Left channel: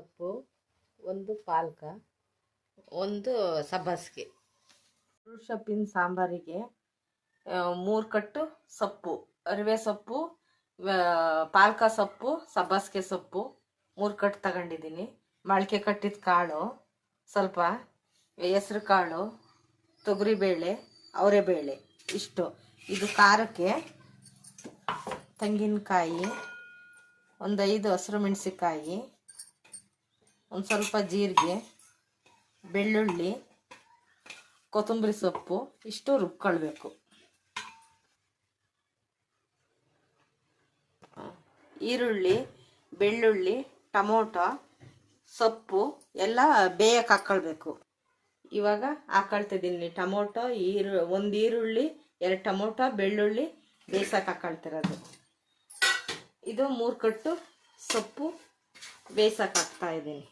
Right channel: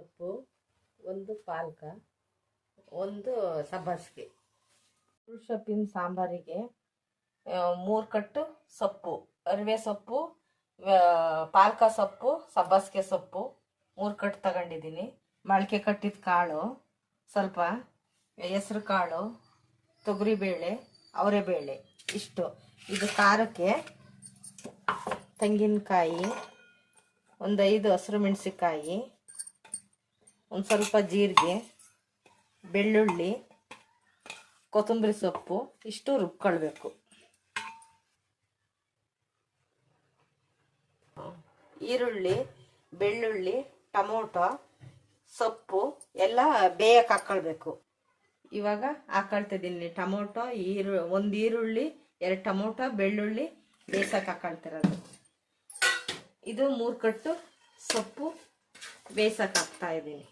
ಸೊಪ್ಪು ಒಂದು ಪಾಲಕ, ಒಂದು ಸಬ್ಬಸಿಗೆ. ಸೊಪ್ಪಿನ ಸಾಂಬಾರಿಗೆ ಮೂರು ಕಟ್ಟು ಸೊಪ್ಪು, ಅರಿವೆ ಸೊಪ್ಪು ಪಾಲಕ ಸೊಪ್ಪು, ಸಬ್ಬಸಿಗೆ ಸೊಪ್ಪು, ಮೂರು ಕಟ್ಟು ತಗೊಂಡಿದ್ದೀನಿ. ಮೊಳಕೆ ಕಟ್ಟಿದ ಕಾಳು, ಸ್ವಲ್ಪ ಹೆಸರು ಕಾಳು ತೊಗರಿಬೇಳೆ ಅವರೆಬೇಳೆ ಇಷ್ಟು. ಇದು ಖಾರಕ್ಕೆ ತೆಂಗಿನಕಾಯಿ, ಒಂದು ಐದು ಹಸಿರು ಮೆಣಸಿಕಾಯಿ ಒಂದು ಸ್ವಲ್ಪ ಜೀರಿಗೆ, ಬೆಳ್ಳುಳ್ಳಿ, ಕೊತ್ತಂಬರಿ ಸೊಪ್ಪು, ಇಷ್ಟು ರುಬ್ಕೊಳ್ಬೇಕು. ಈರುಳ್ಳಿ, ಬೆಳ್ಳುಳ್ಳಿ, ಟೊಮೊಟೊ, ಸೊಪ್ಪು ಎಲ್ಲ ಬೇಯಕ್ಕೆ ಹಾಕ್ಕೊಳ್ಬೇಕು. ಇವಾಗ ಹಾಕೊಳ್ತಿದ್ದೀನಿ ಟೊಮೊಟೊ, ಈರು, ಒಂದು ಈರುಳ್ಳಿ, ಎರಡು ಟೊಮೊಟೊ, ಬೆಳ್ಳುಳ್ಳಿ ಬೇಯಿಸಕ್ಕೆ ಹಾಕೊಳ್ತಿರೋದು ಇದು ಮೂರು ಕಟ್ಟು ಸೊಪ್ಪು ಬೇಯಿಸಕ್ಕೆ ಹಾಕ್ತಾ ಇದ್ದೀನಿ.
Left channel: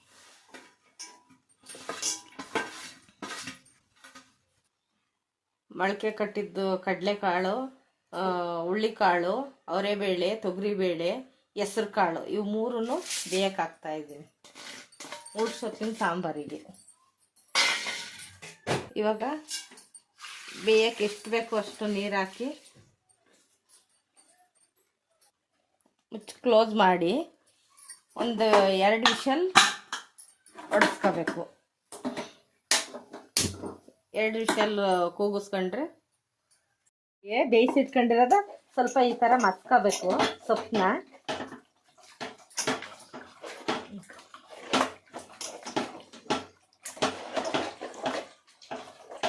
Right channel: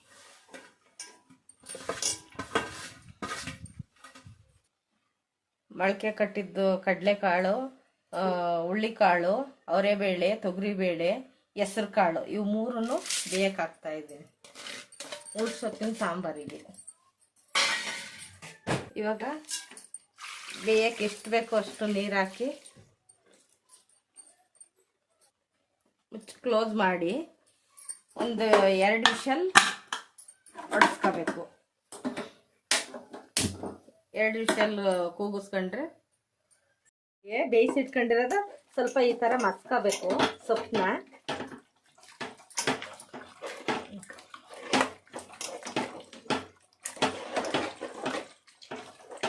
ಮೊಳಕೆ ಕಟ್ಟಿದ್ದು ಕಡಲೆಕಾಳು ಹುಳ್ಳಿಕಾಳು, ಅವರೆಬೇಳೆ, ತೊಗರಿಬೇಳೆ ಹೆಸ್ರು ಕಾಳು ಇವು ಮೂರನ್ನು ಬೇಯಕ್ಕಾಗ್ತಾ ಇದ್ದೀನಿ ಊಟ ಸೊತ್ತಿನ ಸಾಂಬಾರಿಗೆ. ಇವಾಗ ಬೇಯಕ್ಕೆ ಎಷ್ಟು ಬೇಕೋ ಅಷ್ಟು ನೀರು ಹಾಕಿ ಮುಚ್ಚಿ ಕ್ಲೋಸ್ ಮಾಡಿ ಒಂದು ಎರಡು ವಿಷಲ್ ಹೊಡೆಸ್ಕೋಬೇಕು ಎರಡು ವಿಷಲ್ ಕೂಗಿಸ್ಕೊಂಡ್ರೆ? ಏ ಬೇಯಿಸಿಟ್ಕೊಂಡಿರೋದ ಸ್ವಲ್ಪ ಈ ಥರ ಮಸ್ಕೋಬೇಕು ಸೊಪ್ಪನ್ನ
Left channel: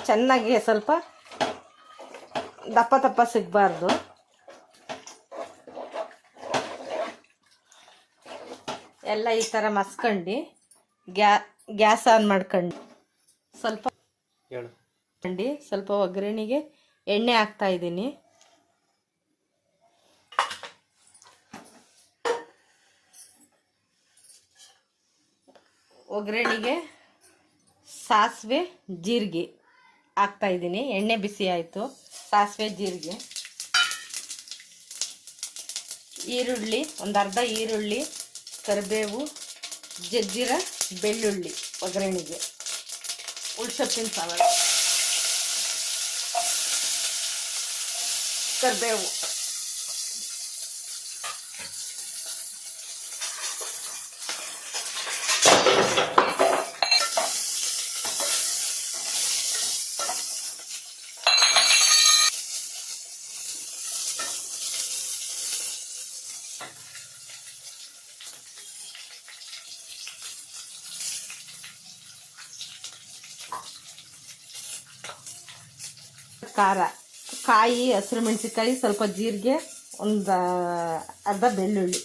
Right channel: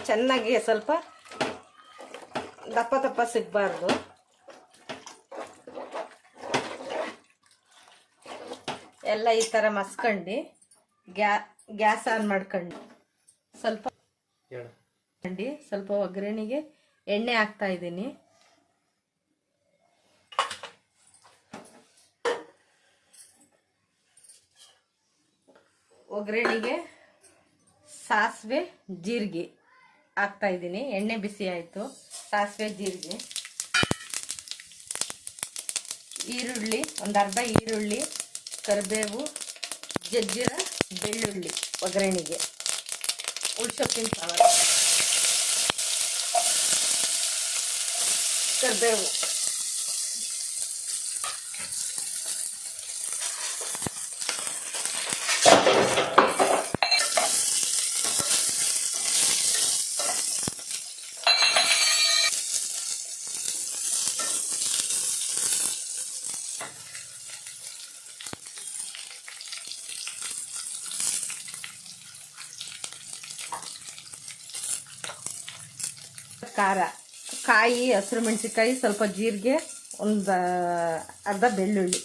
ಚೆನ್ನಾಗಿ ಸ್ವಲ್ಪ ದಪ್ಪ ದಪ್ಪ ಸಿಗಬಾರ್ದು. ಎಲ್ಲ ಈ ಥರ ಮಸ್ಕೊಂಡು ಗ್ಯಾ, ಗ್ಯಾಸ್ ಆನ್ ಮಾಡ್ಕೊಂಡು ಸ್ವಲ್ಪ ಹೇಳು. ಅಂಡಿ ಸ್ವಲ್ಪ ಒಗ್ಗರಣೆಗೆ ಎಣ್ಣೆ ಹಾಕ್ತಾ ಇದ್ದೀನಿ. ಒಗ್ಗರಣೆಗೆ ಸಾಸಿವೆ, ಜೀರಿಗೆ ಹಾಕ್ತಾ ಇದ್ದೀನಿ. ಎಣ್ಣೆ ಬಿಸಿ ಆಯಿತು. ಸಾಸಿವೆ, ಜೀರಿಗೆ. ಈರುಳ್ಳಿ, ಒಂದು ಅರ್ಧ ಈರುಳ್ಳಿ, ಕರಿಬೇವು, ಜಜ್ಜಿರ, ಬೆಳ್ಳುಳ್ಳಿ ಒಗ್ಗರಣೆಗೆ. ಉಳ್ಸೊಪ್ಪಿನ ಸಾಂಬಾರು ಕರಿಬೇವು ಖಾರ. ಕಾಯಿ ಹಸಿರು ಮೆಣಸಿನ್ಕಾಯಿ ಸ್ವಲ್ಪ ಜೀರಿಗೆ ಒಂದು ಅರ್ಧ ಬೆಳ್ಳುಳ್ಳಿ.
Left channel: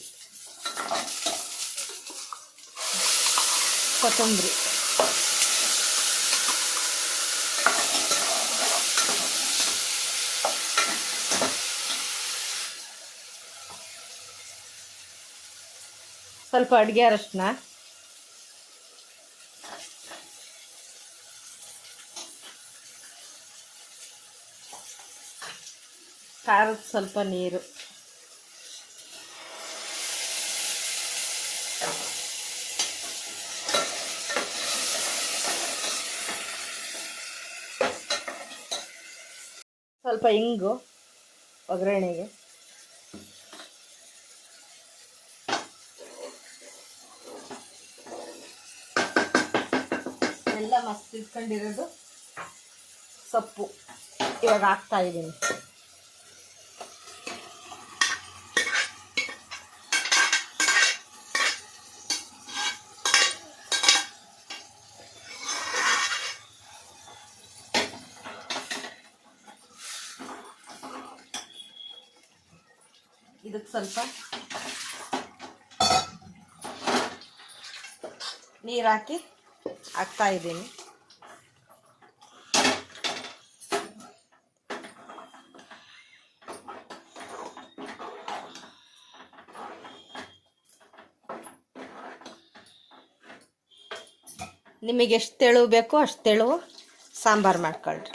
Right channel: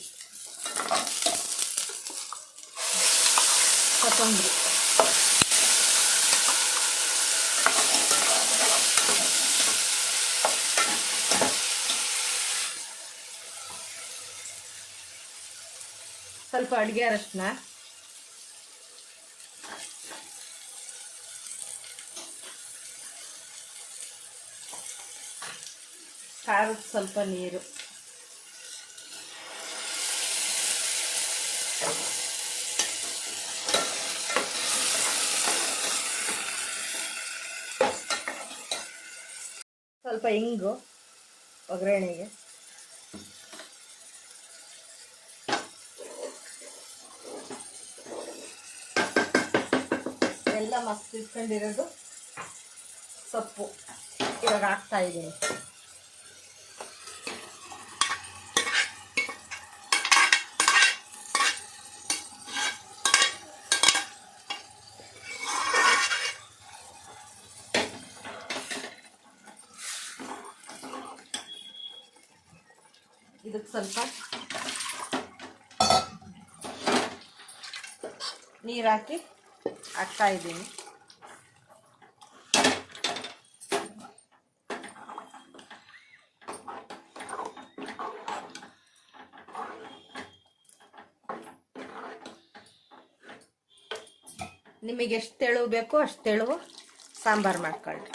ಕೊತ್ತಂಬರಿ. ಸ್ವಲ್ಪ ಅಡುಗೆ ಅರಶಿನ. ಖಾರದ ಸ್ವಲ್ಪ ನೀರು. ಸ್ವಲ್ಪ ಇಂಗು ಒಗ್ಗರಣೆಗೆ. ಎಲ್ಲ ಮಸ್ತ್ ಇಟ್ಕೊಂಡಿರೋದು ಸೊಪ್ಪು. ಇವಾಗ ಹಾಕ್ತಾ ಇದ್ದೀನಿ. ಇದಕ್ಕೆ ಸ್ವಲ್ಪ ನೀರು ಹಾಕಿ ಹಾಕ್ತಾ ಇದ್ದೀನಿ. ನಿಮಗೆ ಎಷ್ಟು ತೆಳು ಬೇಕೋ ಅಷ್ಟು ತೆಳು ಸಾಂಬಾರು ಮಾಡ್ಕೊಳ್ರಿ.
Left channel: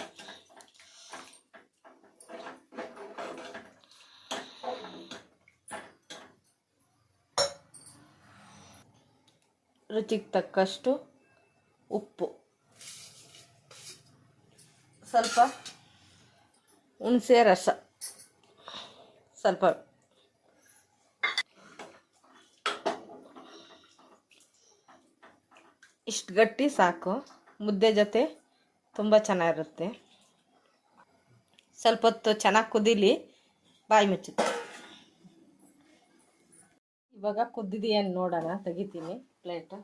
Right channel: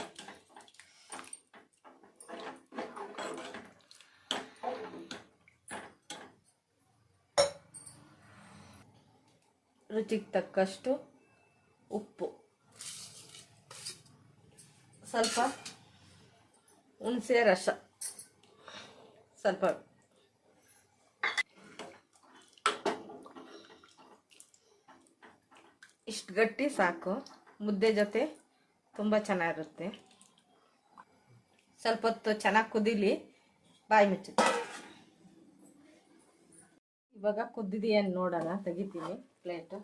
ರುಚಿಗೆ ತಕ್ಕಷ್ಟು ಉಪ್ಪು. ಸ್ವಲ್ಪ ಹುಣಸೆ ರಸ. ಸ್ವಲ್ಪ ಇಷ್ಟು ಗಟ್ಟಿ ಸಾಕು. ಮುದ್ದೆ ಜೊತೆ ತುಂಬ ಚೆನ್ನಾಗಿರುತ್ತೆ. ಸ್ವಲ್ಪ ಹೊತ್ತು ಚೆನ್ನಾಗಿ ಕುದೀಲಿ ಬಾಯಿ ಮುಚ್ಚುತ್ತೆ ಇವಾಗ ಕುದ್ದಿದೆಯನ್ನು ನೋಡೋಣ, ತೆಗಿತೀನಿ. ಪ್ಲೇಟ್.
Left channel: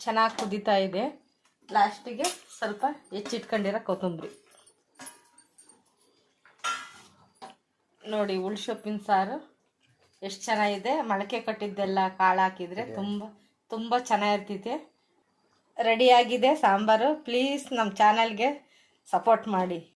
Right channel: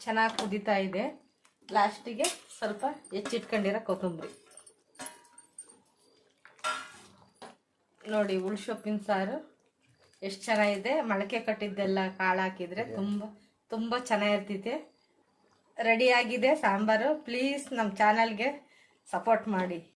ಚೆನ್ನಾಗಿ ಕುದಿತಾ ಇದೆ. ಲಾಸ್ಟಿಗೆ ಸ್ವಲ್ಪ ಹೆಚ್ಚಿಟ್ಕೊಂಡಿರೋ ಕೊತ್ತಂಬರಿ. ನೋಡಿ ಉಳ್ಸೊಪ್ಪಿನ ಸಾರು ಎಷ್ಟು ಚೆನ್ನಾಗಿದೆ. ಮೊಳಕೆ ಕಟ್ಟಿದ್ದೆಲ್ಲ ಕಾಳು ಹಾಕಿದರೆ ತುಂಬ ತುಂಬ ಚೆನ್ನಾಗಿರ್ತೈತೆ. ರೆಡಿಯಾಗಿದೆ ಸಾಂಬಾರು. ಪ್ಲೀಸ್ ನಮ್ಮ ಚಾನಲ್ಗೆ ಸಪೋರ್ಟ್ ಮಾಡಿ.